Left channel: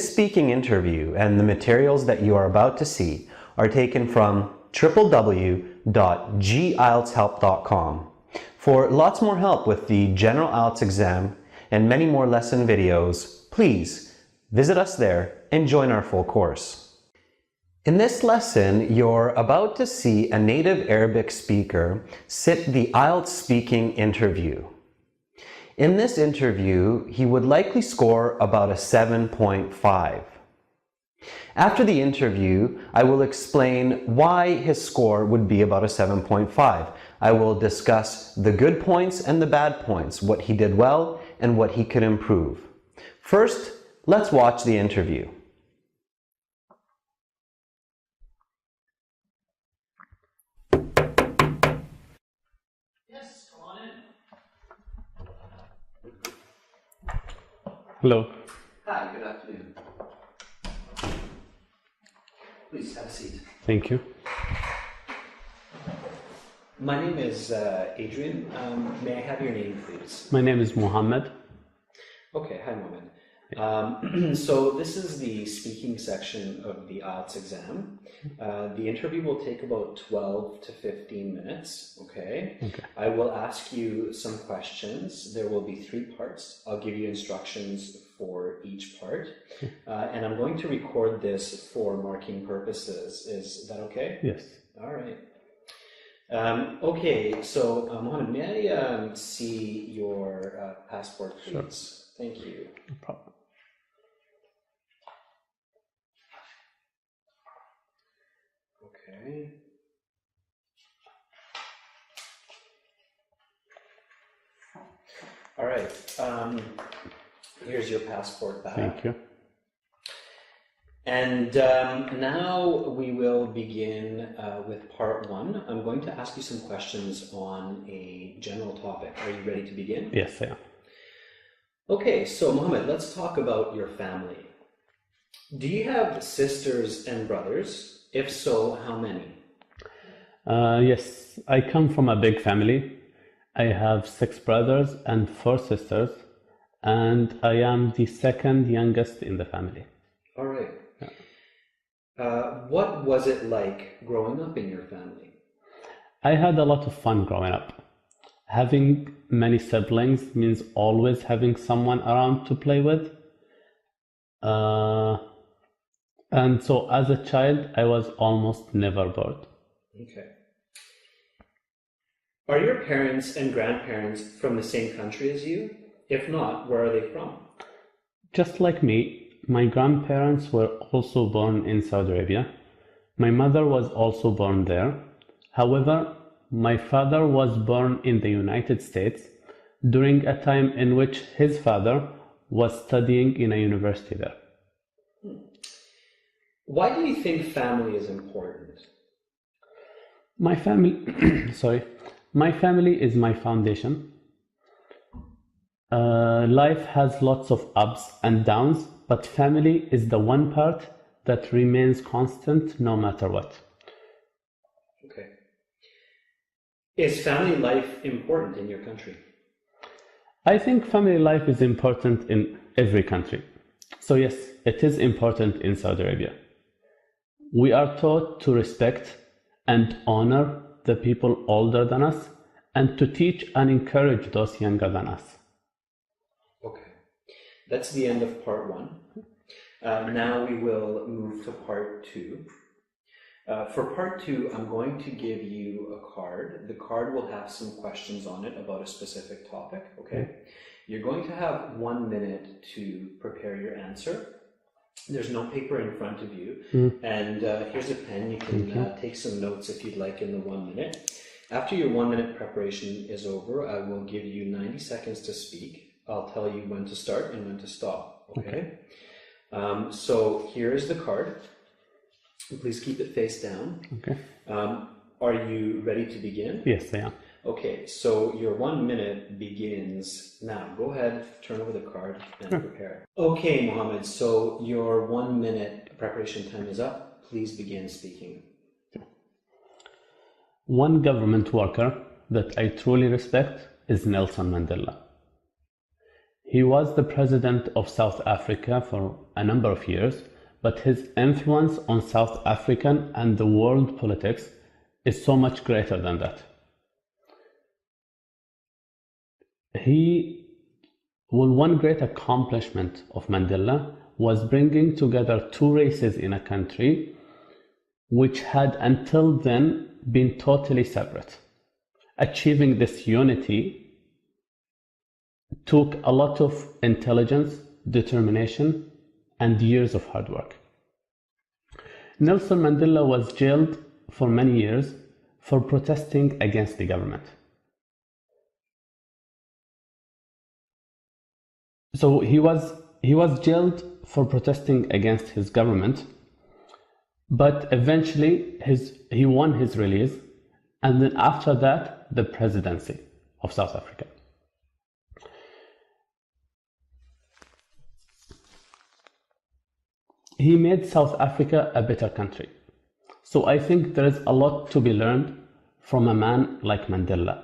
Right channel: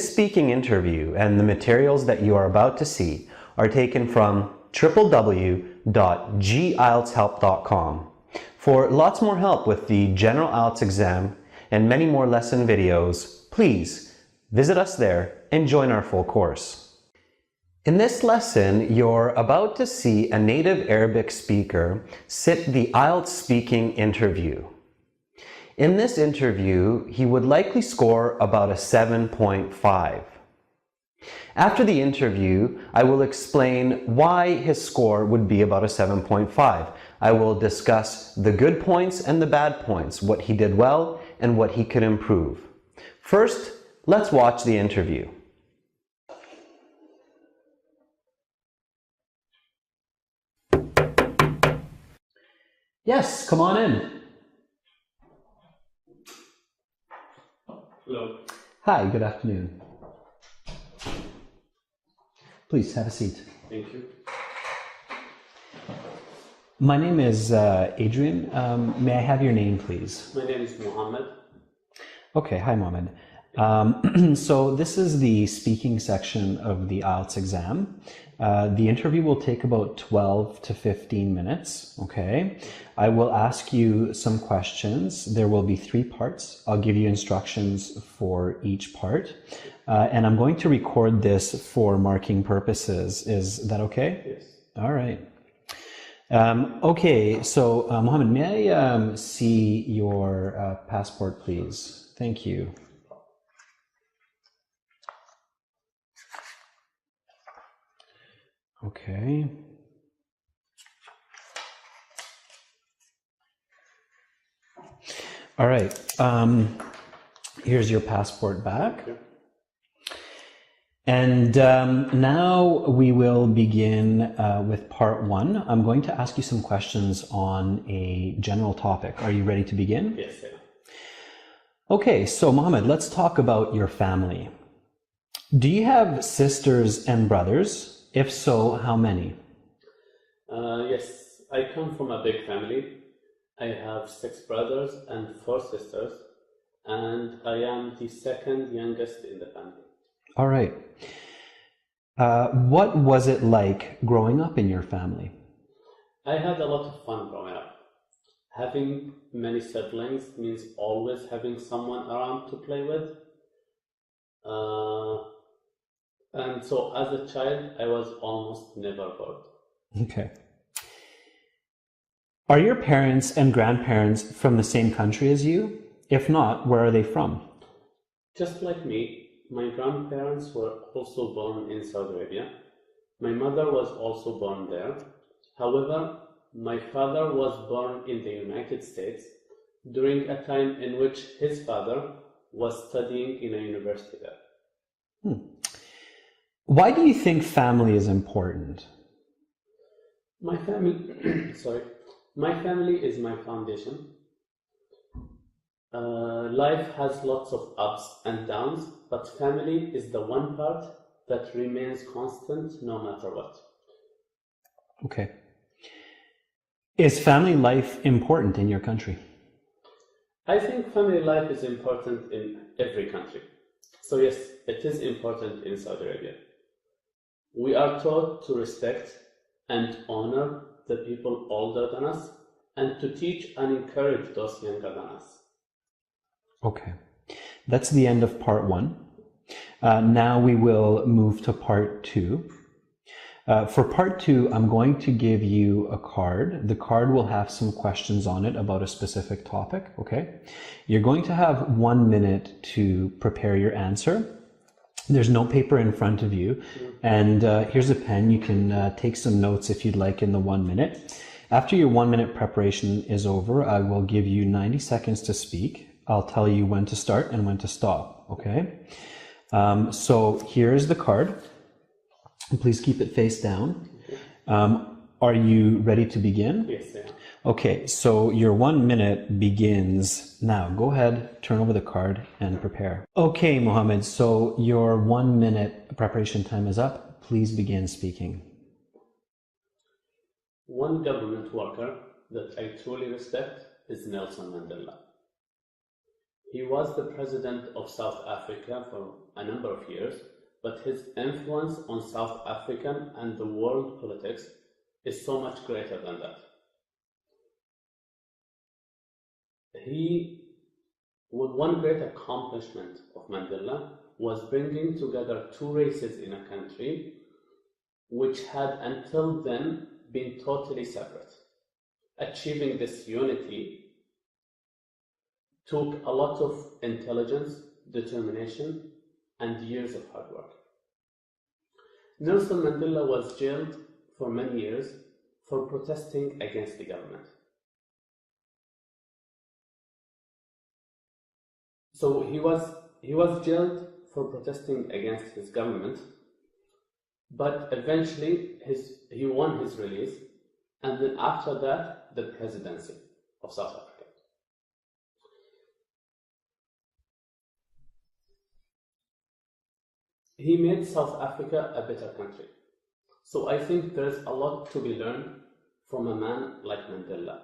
This speaking interview and the materials that you are about to see are taken from www.gieltshelp.com. For lots more help with the General IELTS exam and many more lesson videos, please visit us there and join our full course. In this lesson, you're about to see a native Arabic speaker sit the IELTS speaking interview. In this interview, he would likely score about a 7.5. After the interview, I will explain why his score would be about a 7.5. I will discuss the good points and the bad points, what he did well and what he could improve. First, let's watch the interview. Yes, come on in. Hello. Hi, good afternoon. Please have a seat. Thank you. My name is Adrian. May I have your name, please? My name is Mohammed. Okay, hi Mohammed. So this is the speaking section of the IELTS exam. The interview will take about 12 to 15 minutes, okay? I will ask you some questions. There will be 3 parts. I'll give you instructions for each part. And I'm going to record this for marking purposes. Is that okay? Yes. All right. Okay, so Mohammed, may I see your passport, please? Sure. Thank you. No problem. Okay. All right. Here's your passport back. Thank you. And now we will begin with part 1. I'm going to ask you some questions on a general topic. Are you ready to begin? Yes, I am. Okay, so Mohammed, let's talk about your family. Do you have sisters and brothers? If so, how many? Yes, I come from a big family. I have 6 brothers and 4 sisters, and I am the second youngest in the family. All right. What was it like growing up in your family? I had a lot of fun growing up. Having many siblings means always having someone around to play with. And so as a child, I was almost never bored. Okay. Are your parents and grandparents from the same country as you? If not, where are they from? Just like me, my grandparents were also born in Saudi Arabia. My mother was also born there. However, my father was born in the United States during a time in which his father was studying in a university there. Why do you think family is important? My family, my family is my foundation. Life has lots of ups and downs, but family is the one part that remains constant no matter what. Okay. Is family life important in your country? I think family life is important in every country. So yes, it is important in Saudi Arabia. We are taught to respect and honor the people older than us and to teach and encourage those younger than us. Okay, that's the end of part 1. Now we will move to part 2. For part 2, I'm going to give you a card. The card will have some questions on it about a specific topic, okay? You're going to have 1 minute to prepare your answer. There's no paper in front of you, and here's a pen. You can take some notes if you'd like in the 1 minute. After your 1 minute preparation is over, I will give you 90 seconds to speak. I'll tell you when to start and when to stop, okay? So here is the card. Please keep it face down. Okay. Are you ready to begin? Yes, I am. Okay, so your 1 minute begins now. Go ahead, turn over the card and prepare. Okay, Mohammed, so your 1 minute preparation time is up. Please begin speaking. One government worker that I truly respect is Nelson Mandela. He was the president of South Africa for a number of years, but his influence on South African and the world politics is so much greater than that. One great accomplishment of Mandela was bringing together two races in a country which had until then been totally separate. Achieving this unity took a lot of intelligence, determination, and years of hard work. Nelson Mandela was jailed for many years for protesting against the government. So he was jailed for protesting against his government, but eventually he won his release, and then after that, the presidency of South Africa. He made South Africa a better country. So I think there is a lot to be learned from a man like Mandela.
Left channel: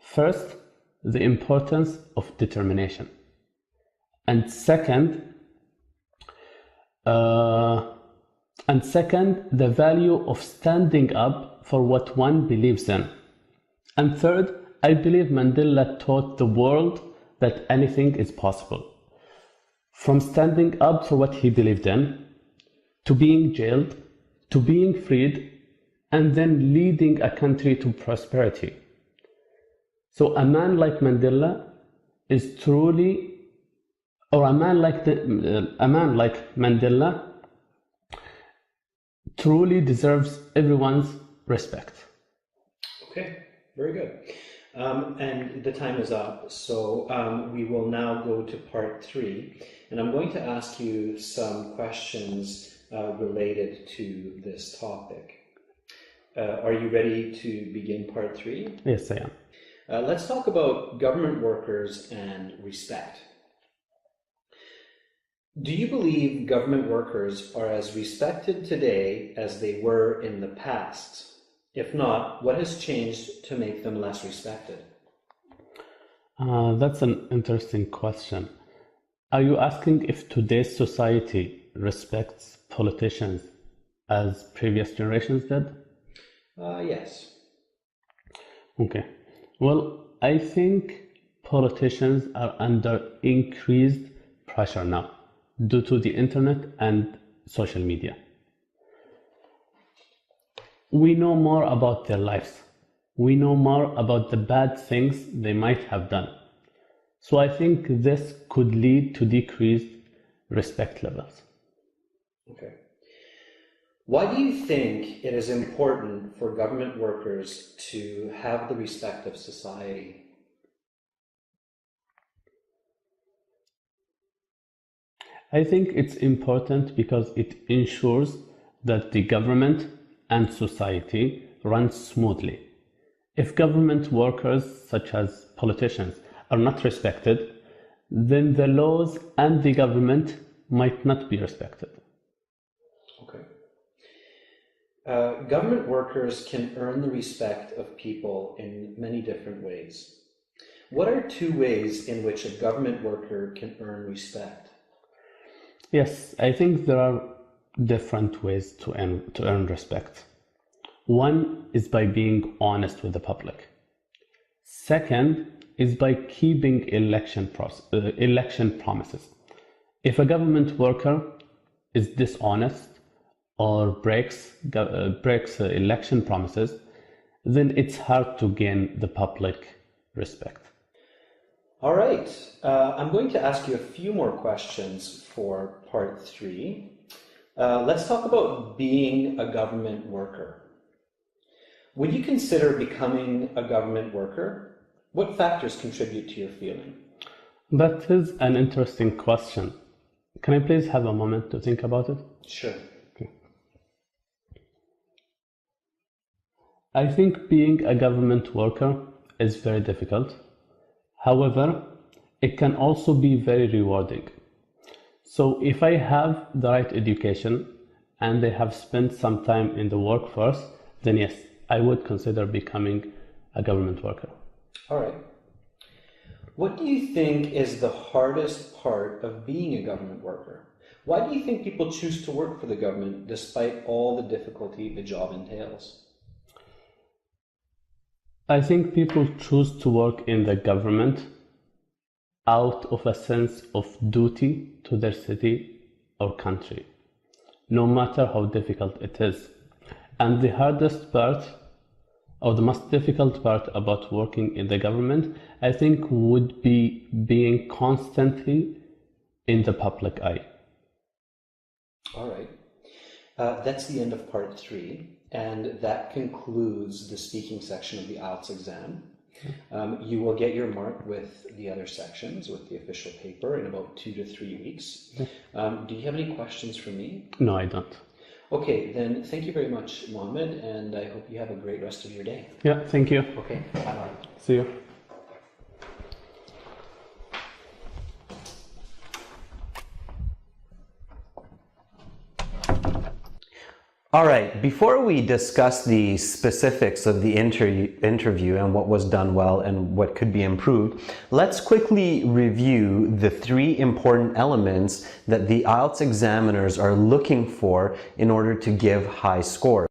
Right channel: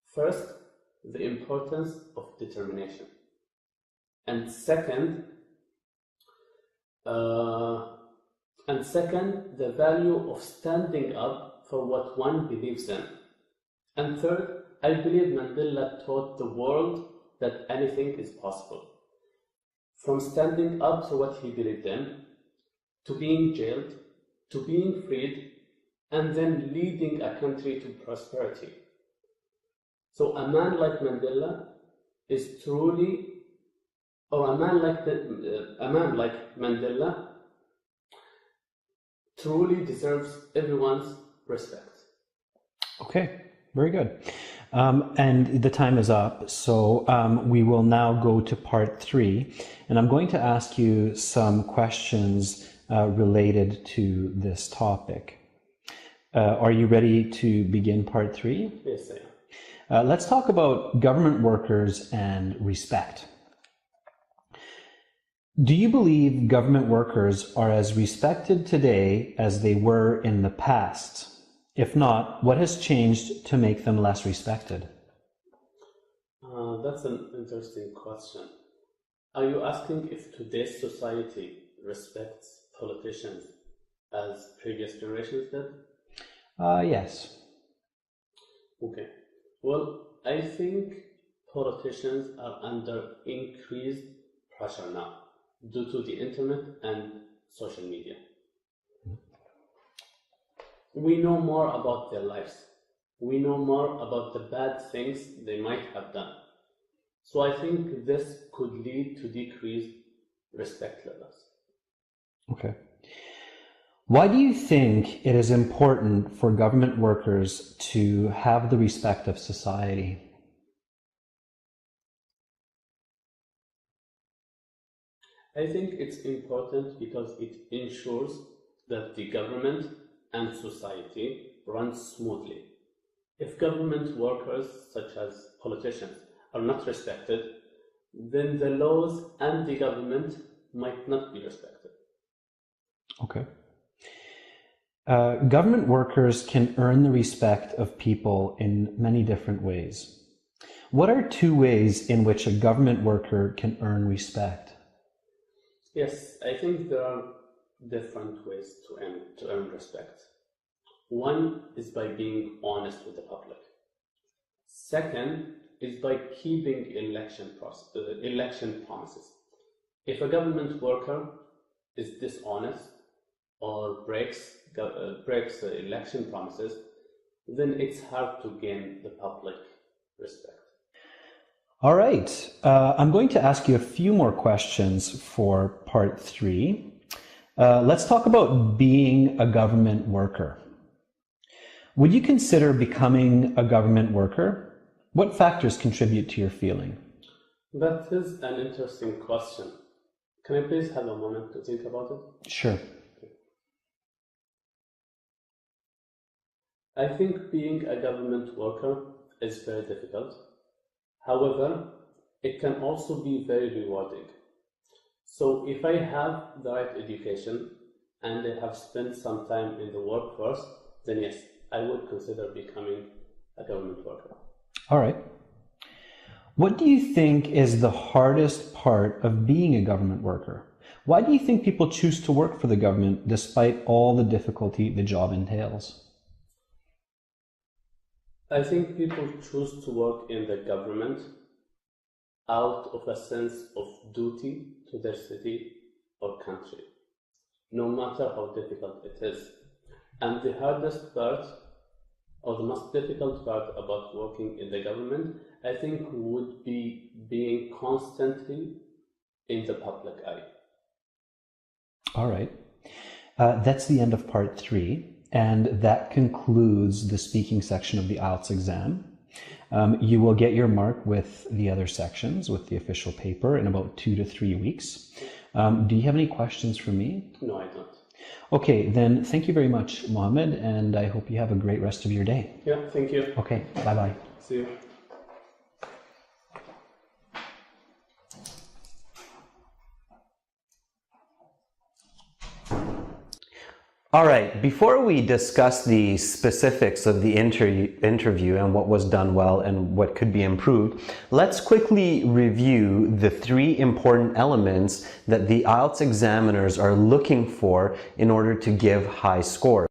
First, the importance of determination. And second, the value of standing up for what one believes in. And third, I believe Mandela taught the world that anything is possible. From standing up for what he believed in, to being jailed, to being freed, and then leading a country to prosperity. So a man like Mandela is truly, or a man like Mandela truly deserves everyone's respect. Okay, very good. And the time is up, so we will now go to part 3, and I'm going to ask you some questions related to this topic. Are you ready to begin part 3? Yes, I am. Let's talk about government workers and respect. Do you believe government workers are as respected today as they were in the past? If not, what has changed to make them less respected? That's an interesting question. Are you asking if today's society respects politicians as previous generations did? Yes. Okay. Well, I think politicians are under increased pressure now due to the internet and social media. We know more about their lives. We know more about the bad things they might have done. So I think this could lead to decreased respect levels. Okay. Why do you think it is important for government workers to have the respect of society? I think it's important because it ensures that the government and society run smoothly. If government workers, such as politicians, are not respected, then the laws and the government might not be respected. Okay. Government workers can earn the respect of people in many different ways. What are 2 ways in which a government worker can earn respect? Yes, I think there are different ways to earn respect. One is by being honest with the public. Second is by keeping election promises. If a government worker is dishonest or breaks election promises, then it's hard to gain the public respect. All right. I'm going to ask you a few more questions for part 3. Let's talk about being a government worker. Would you consider becoming a government worker? What factors contribute to your feeling? That is an interesting question. Can I please have a moment to think about it? Sure. Okay. I think being a government worker is very difficult. However, it can also be very rewarding. So if I have the right education and I have spent some time in the workforce, then yes, I would consider becoming a government worker. All right. What do you think is the hardest part of being a government worker? Why do you think people choose to work for the government despite all the difficulty the job entails? I think people choose to work in the government out of a sense of duty to their city or country, no matter how difficult it is. And the hardest part, or the most difficult part about working in the government, I think would be being constantly in the public eye. All right. That's the end of part 3, and that concludes the speaking section of the IELTS exam. You will get your mark with the other sections, with the official paper, in about 2 to 3 weeks. Do you have any questions for me? No, I don't. Okay, then thank you very much, Mohammed, and I hope you have a great rest of your day. Yeah, thank you. Okay, bye-bye. See you. All right, before we discuss the specifics of the interview and what was done well and what could be improved, let's quickly review the 3 important elements that the IELTS examiners are looking for in order to give high scores.